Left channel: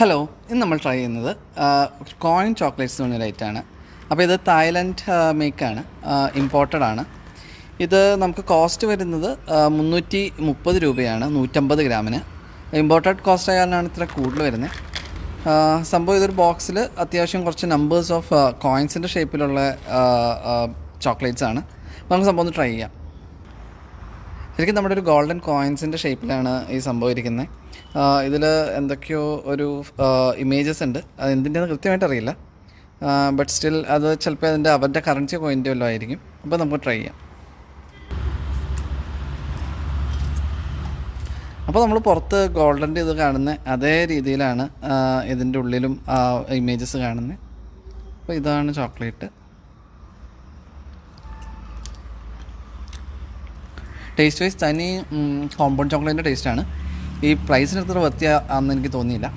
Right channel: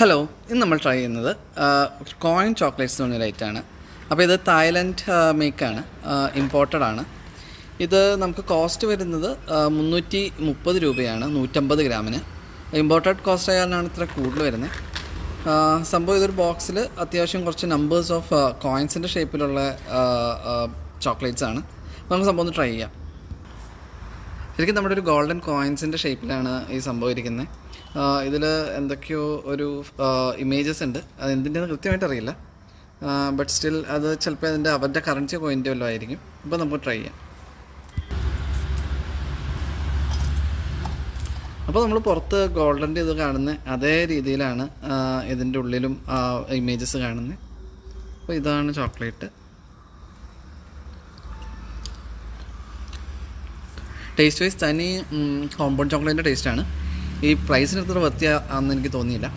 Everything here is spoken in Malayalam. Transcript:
ഹലോ, ഇന്ന് നമ്മൾ ട്രൈ ചെയ്യുന്നത് കോയിൻ ചോക്ലേറ്റ്സ് എന്ന് പറഞ്ഞ ലൈറ്റാണ്. അപ്പോൾ ഇത് തായ്ലൻഡ് മേക്കാണ്, ഇമ്പോർട്ടഡ് ആണ്. ഇത് നമുക്ക് കോസ്റ്റ് വരുന്നത് 330 രൂപയാണ് 150 ഗ്രാമിന്. ഇമ്പോർട്ടഡ് കോസ്റ്റ് ആയാലാണ് ഇത്ര കൂടുതൽ വരുന്നത്. സംഭവം ഇതൊരു ബോക്സിൽ അത്യാവശ്യം കുറച്ച് നമ്പേഴ്സ് ഓഫ് കോയിൻസിൻ്റെ ഷേപ്പിലുള്ള ചോക്ലേറ്റ്സ് ആണ്. നമുക്ക് സംഭവം ഒന്ന് ട്രൈ ചെയ്യാം. ശരിക്കും നമ്മുടെ ഒരു ഗോൾഡൻ കോയിൻസിൻ്റെ ഷേപ്പിലാണ് ഈ സംഭവം ഇരിക്കുന്നത്. ഇതിൽ എന്തൊക്കെയോ ഒരു ഇമേജസ് ഉണ്ട്, അത് എന്തിൻ്റെന്ന് കൃത്യമായിട്ട് അറിയില്ല. ബട്ട് സ്റ്റിൽ അത് ചിലപ്പോൾ അവരുടെ കറൻസി കോയിൻ്റെ വല്ലതും ആയിരിക്കും. അപ്പോൾ നമുക്ക് ട്രൈ ചെയ്യാം. അപ്പോൾ നമ്മൾ പുറത്ത് ഗോൾഡൻ്റെ ഇത് കാണുന്ന അതേ രീതിയിലാണ് ഇതിൻ്റെ ഉള്ളിലും ഇമേജസ് കാണുന്നത്. അപ്പോൾ ഇതാണ് ചോക്ലേറ്റ്. ടേസ്റ്റ് വൈസ് തനി കോമ്പൗണ്ട് ചോക്ലേറ്റിൻ്റെ ടേസ്റ്റാണ്. ഈ പ്രൈസിന് എത്ര വ്യത്യാസമാണെന്ന് എനിക്ക് തോന്നിയില്ല.